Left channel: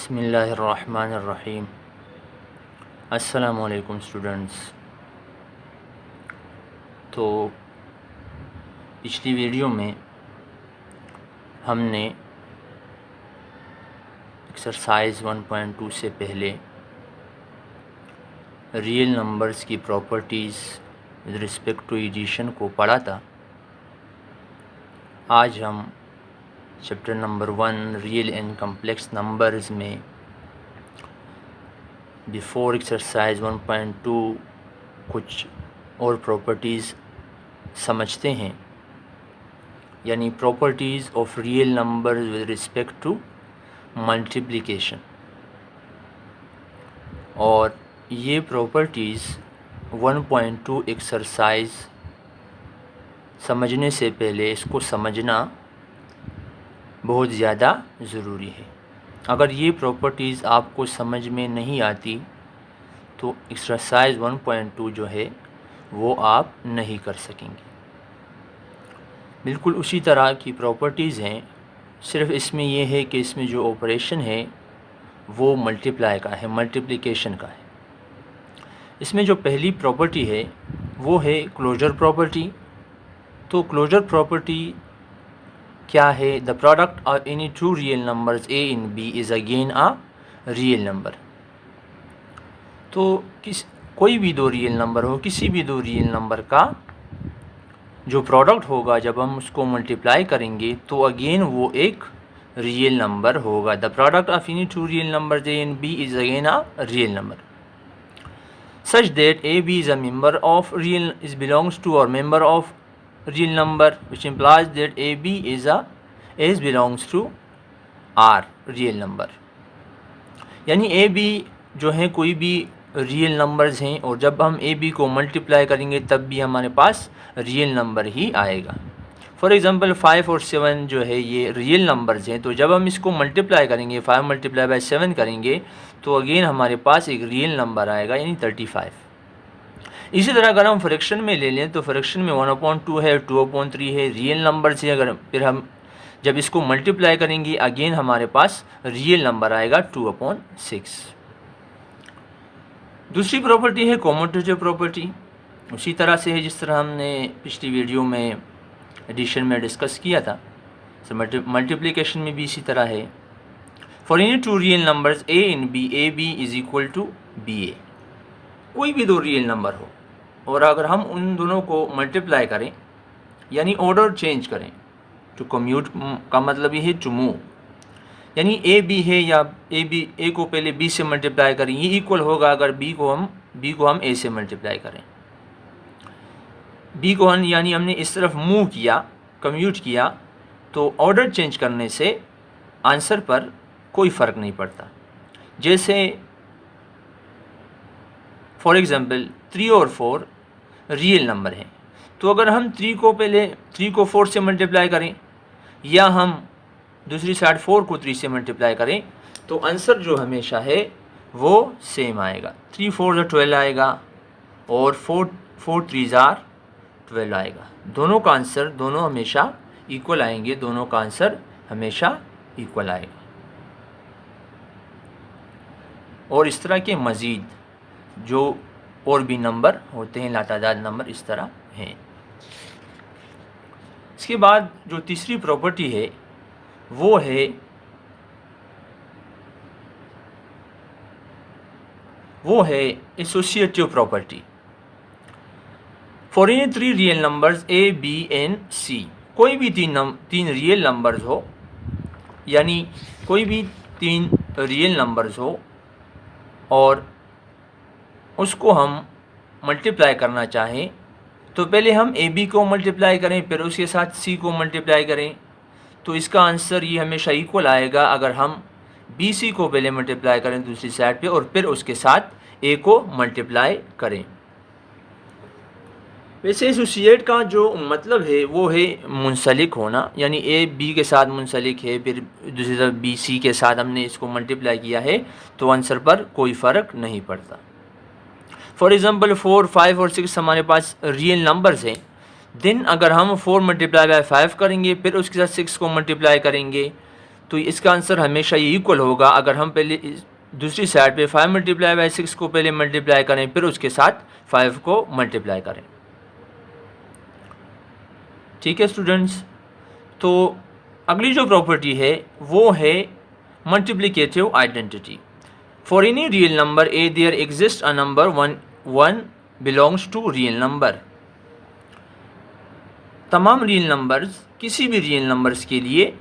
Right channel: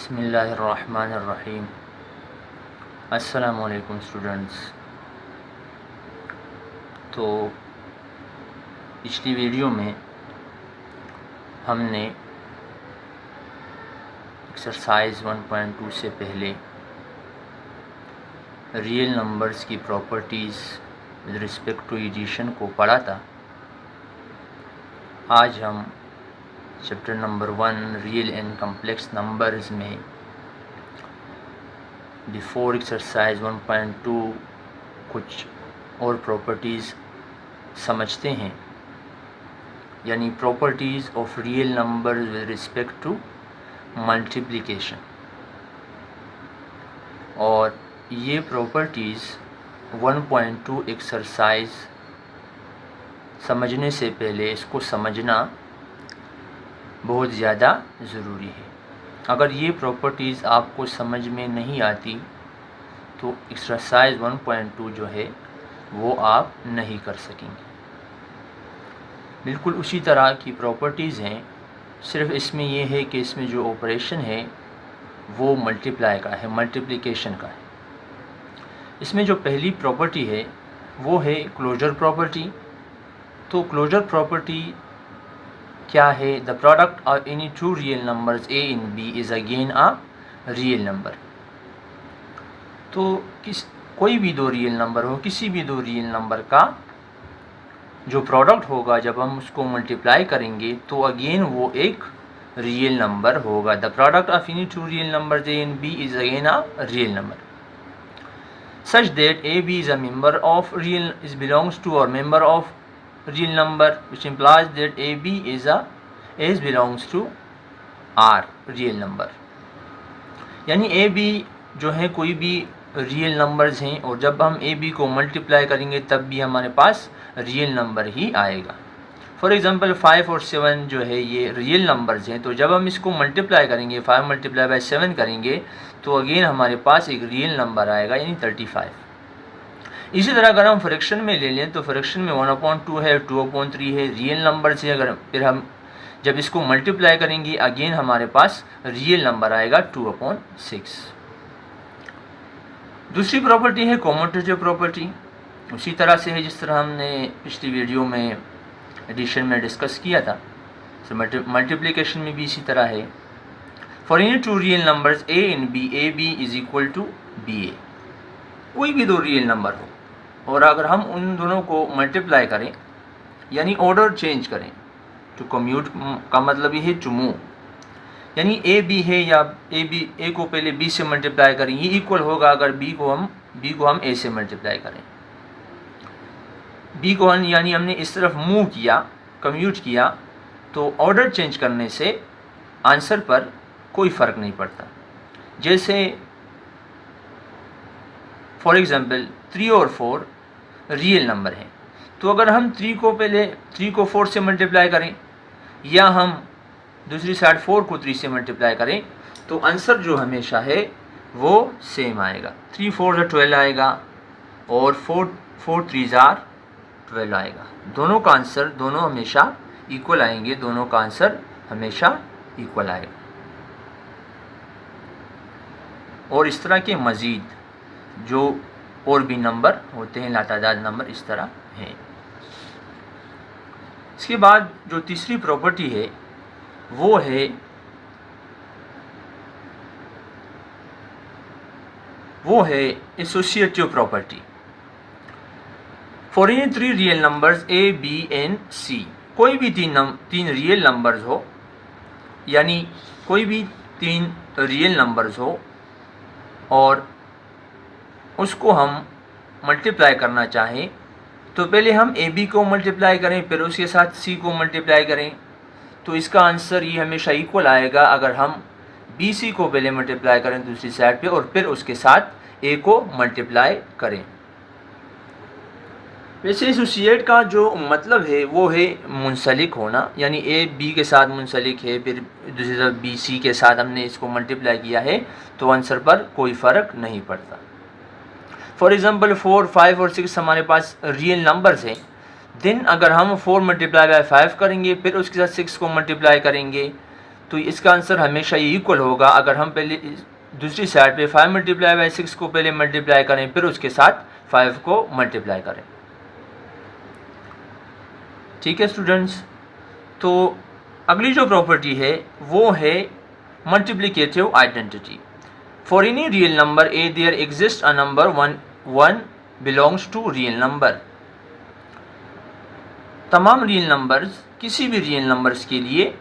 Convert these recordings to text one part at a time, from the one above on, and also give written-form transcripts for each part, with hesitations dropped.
बिस्मिल्लाहिर्रहमानिर्रहीम। अस्सलामु अलैकुम स्टूडेंट्स। तो पिछली वीडियो में हमने एक्सरसाइज 1.2 से पहले रियल नंबर्स की properties with respect to addition को पढ़ा था। आज हम chapter number 1 real and complex numbers में बिफोर एक्सरसाइज 1.2 कुछ और प्रॉपर्टीज़ समझते हैं, यानी properties of real numbers with respect to multiplication. और ये प्रॉपर्टीज़ 1.2 एक्सरसाइज समझने से पहले इसको समझना बहुत ज़्यादा ज़रूरी है। अगर ये प्रॉपर्टीज़ आपको समझ में नहीं आती तो एक्सरसाइज 1.2 जो है वो आप नहीं कर सकेंगे। बिल्कुल उसी तरह की प्रॉपर्टीज़ हैं, सिर्फ इसमें यह है कि इसमें जो ऑपरेशन है वो मल्टीप्लाई का है, मल्टीप्लिकेशन का है। इसमें जो पहली प्रॉपर्टी है वो है क्लोजर प्रॉपर्टी। तो क्लोजर प्रॉपर्टी क्या है? The product of any two real numbers A in B is again a real number. तो कोई भी दो रियल नंबर हो, किसी भी दो रियल नंबर का जो प्रोडक्ट होगा जब हम उसको मल्टीप्लाई करेंगे तो अगेन वो एक रियल नंबर होगा। The product of any two real numbers A and B is again a real number such that AB is a member of real is belongs to or member of real number, which implies that AB is belongs to R real number। यानी AB जो है कोई भी real numbers हैं और जब हम AB को मल्टीप्लाई करेंगे तब भी हमारे पास रियल नंबर ही आएगा। फॉर एग्ज़ाम्पल 5 और 7 जो है ये रियल नंबर्स हैं, तो जब हम इसको मल्टीप्लाई करेंगे 5 मल्टीप्लाई बाय 7 करेंगे तो अगेन हमारे पास एक रियल नंबर आएगा, यानी 35। इसी तरह अगर हम फ्रैक्शन में ले लें तो फ्रैक्शन में 1/2 है, 2/3 है, रियल नंबर से अगर फिर हम जब इसको मल्टीप्लाई करेंगे अगेन हमारे पास रियल नंबर आएगा 2/6। दूसरी प्रॉपर्टी है कॉम्यूटेटिव प्रॉपर्टी। उसी तरह से है जिस तरह हमने पिछली वीडियो में एडिशन में डिस्कस किया था, तो मल्टीप्लिकेशन में भी इसी तरह है। For any two real numbers A in b, a b is equal to b a. कोई भी दो रियल नंबर हो और अगर हम उन दोनों को मल्टीप्लाई करें यानी ऑर्डर चेंज करें, टू कम्यूट का मतलब ये है टू मूव, यानी ए बी है या ए को पहले बी से मल्टीप्लाई करें, ये इक्वल होगा अगर बी को हम ए से मल्टीप्लाई करें। बी को हम यानी हमने इस तरफ मूव किया, कम्यूट किया, तो ऑर्डर चेंज करने से आंसर पर कोई फ़र्क नहीं पड़ता। जैसे फॉर एग्ज़ाम्पल 3 और 4 रियल नंबर हैं, तो अगर हम 3 को 4 से मल्टीप्लाई करें या हम दूसरी साइड 4 को 3 से मल्टीप्लाई करें तो आंसर जो हमेशा है वो सेम आएगा। 3 4 12 आएगा और 4 3 12 आएगा। दोनों का आंसर दोनों हमेशा इक्वल आएंगे, दोनों का आंसर हमेशा इक्वल आएगा। और इस तरह के मज़ीद जो और भी नंबर होते हैं, लातादाद नंबर इस तरह हैं। इसके बाद जो तीसरी प्रॉपर्टी है वो है associative property. For any 3 real numbers a b and c, कोई भी तीन रियल नंबर्स हो, यानी कोई भी 3 रियल नंबर्स हो और उसको हम मल्टीप्लाई करना चाहें तो पहले हम ए बी को मल्टीप्लाई करें फिर उसके साथ सी को मल्टीप्लाई करें, तो इसका आंसर ये हमेशा इक्वल आएगा अगर हम बी सी को पहले मल्टीप्लाई करें दूसरी साइड पे और फिर उसके साथ ए को मल्टीप्लाई करें। वैसे एसोसिएट का जो मतलब है वो है मुंसलिक होना, यानी ए बी के साथ मुंसलिक है, फिर दूसरी तरफ बी सी के साथ हमने इसको मल्टीप्लाई किया है तो आंसर पर कोई फ़र्क नहीं पड़ता। फॉर एग्ज़ाम्पल 4 5 और 6 हमारे पास रियल नंबर्स हैं, देन अगर हम 4 मल्टीप्लाई बाय 5 करेंगे फिर उसके साथ 6 को मल्टीप्लाई करेंगे तो इसका आंसर हमेशा ये इक्वल होगा। अगर हम पहले दूसरी साइड पे 5 मल्टीप्लाई बाई 6 को पहले मल्टीप्लाई करें, फिर उसके साथ 5 को मल्टीप्लाई करें। ठीक है स्टूडेंट्स, तो अगली जो प्रॉपर्टी है वो है multiplicative identity. For any real number A there exist a number one belongs to real number. तमाम रियल नंबर्स, किसी भी रियल नंबर्स के लिए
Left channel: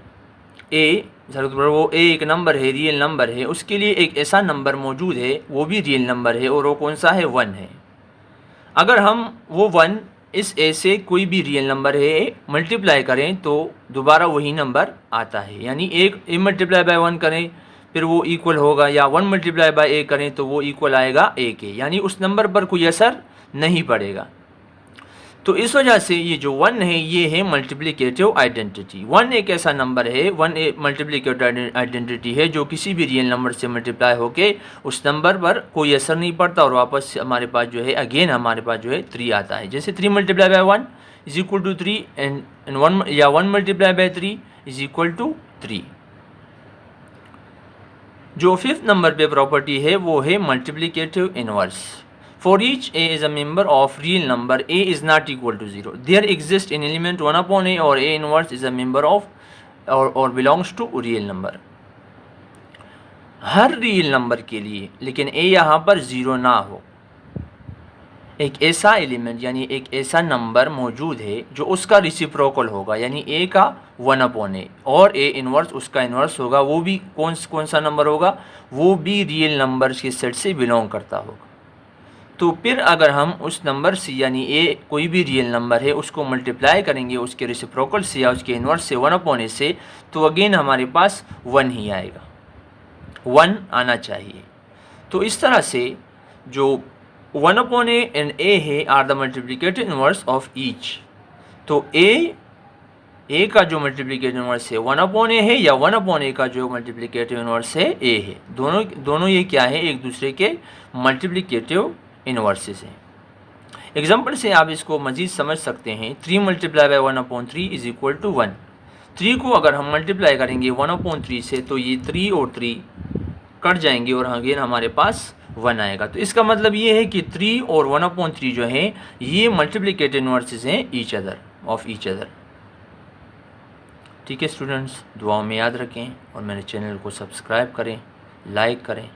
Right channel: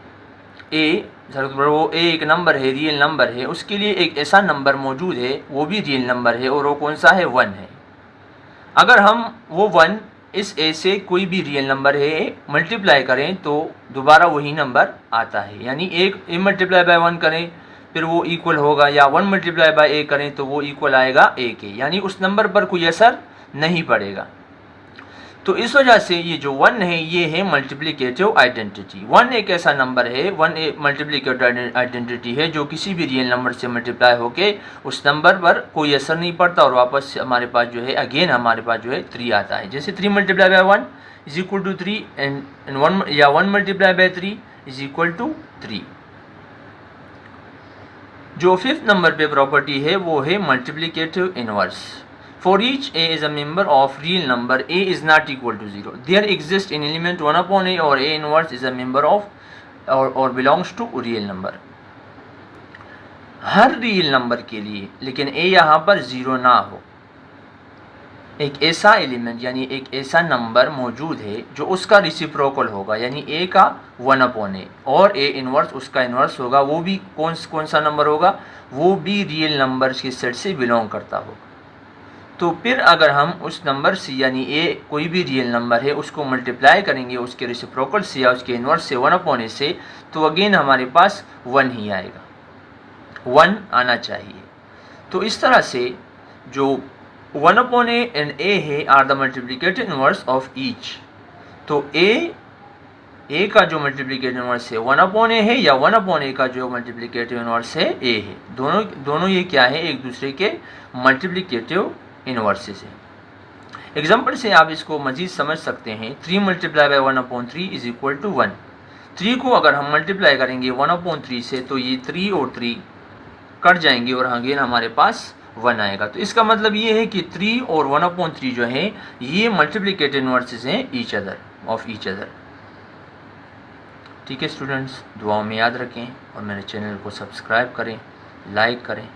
ए, वो ए एक नंबर है, रियल नंबर है, उसके लिए एक ऐसा नंबर मौजूद है, वो भी रियल नंबर है, और वो कौन सा है? 1 है। अगर हम वो 1 इस ए से कोई भी रियल नंबर है मल्टीप्लाई करें तो दोबारा वही नंबर आता है। यानी एक ए मल्टीप्लाई बाय 1 करें फिर वो इक्वल होगा, या 1 मल्टीप्लाई बाय ए करें तो वो इक्वल आएगा ए के, यानी उस नंबर पर कोई असर नहीं पड़ेगा। तो इस वजह से ये जो 1 है ये है मल्टीप्लिकेटिव आइडेंटिटी। 1 एक ऐसा नंबर है, 1 एक मल्टीप्लिकेटिव आइडेंटिटी है जो किसी भी रियल नंबर से मल्टीप्लाई होके उस नंबर पर कोई असर नहीं पड़ता, और वापस हमारे पास जो है अगेन हमारे पास जो है 3 आता है। जैसे 3 multiply by 1 is equal to 3 and 1 या 1 multiply by 3 is equal to 3। जो 5th नंबर पे प्रॉपर्टी है वो है multiplicative inverse. For each a is a member of real number, a is not equal to 0. There exists an element 1 upon a, or a inverse is a member of or belongs to real number. Her real number के लिए, लेकिन a यहाँ पर 0 ना हो, एक ऐसा element यानी एक ऐसा नंबर मौजूद है जो उसका रिसिप्रोकल होगा, यानी a का 1 अपॉन a और a इनवर्स उसका इनवर्स होगा, वो भी कौन सा नंबर होगा? वो भी रियल नंबर्स के सेट से बिलोंग करता हो। तो फिर अगर हम उस नंबर से यानी ए कोई भी रियल नंबर है उसको मल्टीप्लाई करेंगे उसके रेसिप्रोकल से या उसके इनवर्स से 1 अपॉन ए से, तो अगेन हमारे पास 1 ही आएगा, 1 आना चाहिए। तो इस तरह से जो 1 अपॉन ए एंड ए है are the multiplicative inverse of each. तो ए का जो मल्टीप्लिकेटिव इनवर्स है 1 अपॉन ए है, या 1 अपॉन ए का जो मल्टीप्लिकेटिव इनवर्स है ए है। दोनों ये क्या है? एक दूसरे के मल्टीप्लिकेटिव इनवर्सेस है। एग्जाम्पल से आप इसको मजीद समझ सकते हैं। 3 multiply by 1 upon 3 is equal to 1। 3 को अगर हम मल्टीप्लाई करेंगे 1 अपॉन 3 से तो ये 3 और 3 कट जाएंगे और अगेन हमारे पास 1 आएगा। तो इसका मतलब ये है कि 3 और 1 अपॉन 3 जो है ये मल्टीप्लिकेटिव इनवर्सेस हैं ईच अदर। ठीक है स्टूडेंट्स, दुआओं में याद रखें और मेरे चैनल को सब्सक्राइब करें, लाइक करें।